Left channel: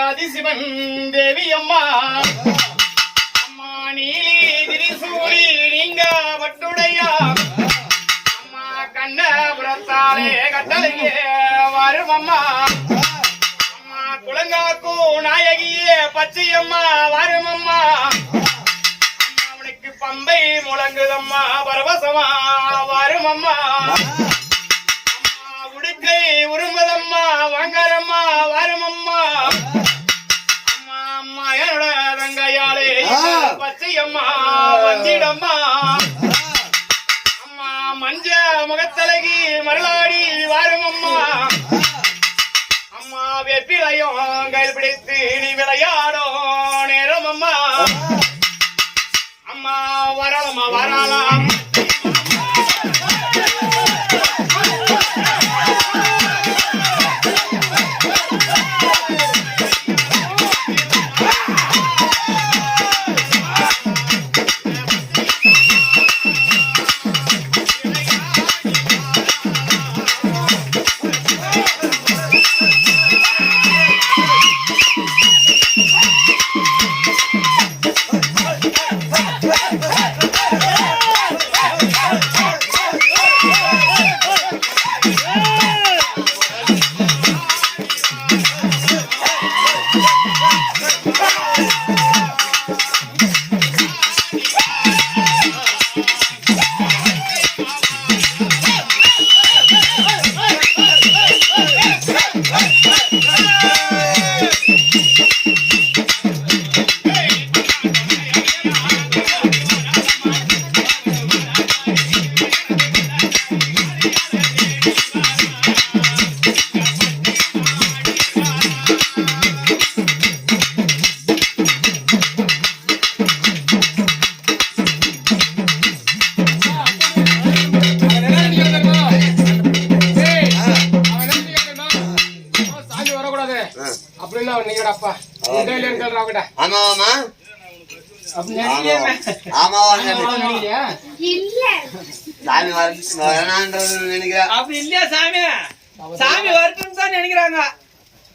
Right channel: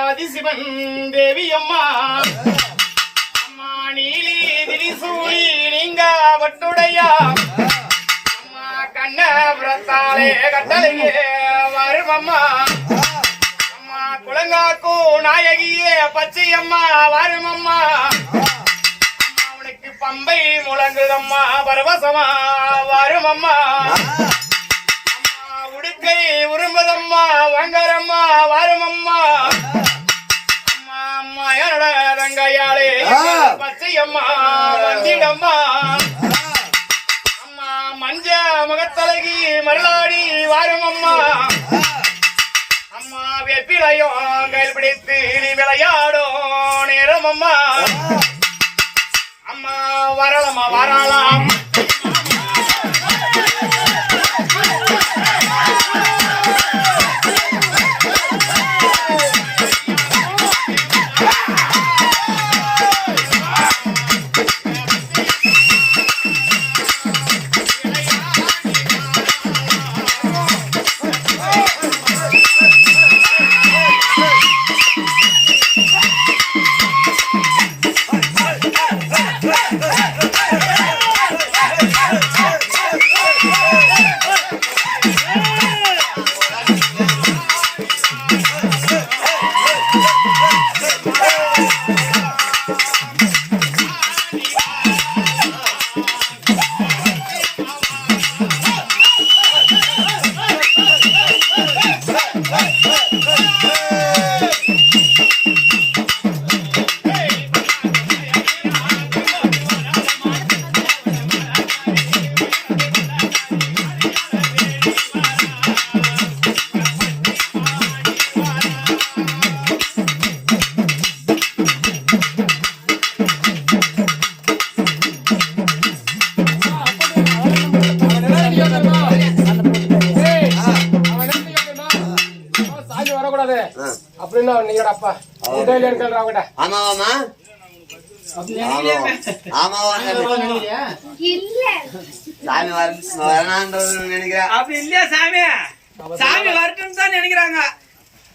ஆதிசிவன் தேவி அம்மா அம்மா நீலி திரிசூலி நீங்க வட்டுடையா அம்மா கண்ணபுரத்தாலே கட்டளையே வரும் அம்மா அம்மா குளங்காக்கு நாயகியே பச்சையம்மா வரும் அம்மா அம்மா உனக்கு பம்பை முழங்குதம்மா பரவசமா வரும் அம்மா அம்மா உடுக்கை உரும்புதம்மா வங்கரம்மா வரும் அம்மா தங்கையாளே பச்சையம்மா வந்திடம்மா அம்மா மஞ்ச முகத்தலகி மருளாடி வாரும் அம்மா அம்மா வெப்பிலையும் கையில் பிடித்து நீ விளையாடும் நேரம் அம்மா அம்மா வரலாமா வரலாம்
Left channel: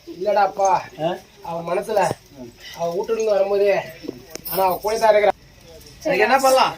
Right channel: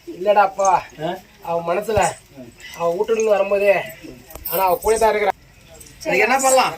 இல்லடாப்பா அவ மனசுல அவ வீட்டுல இருந்து வரும்போதே ஆனா அவ கூட தான் இருக்கிறா. என்ன பண்ணலாம்?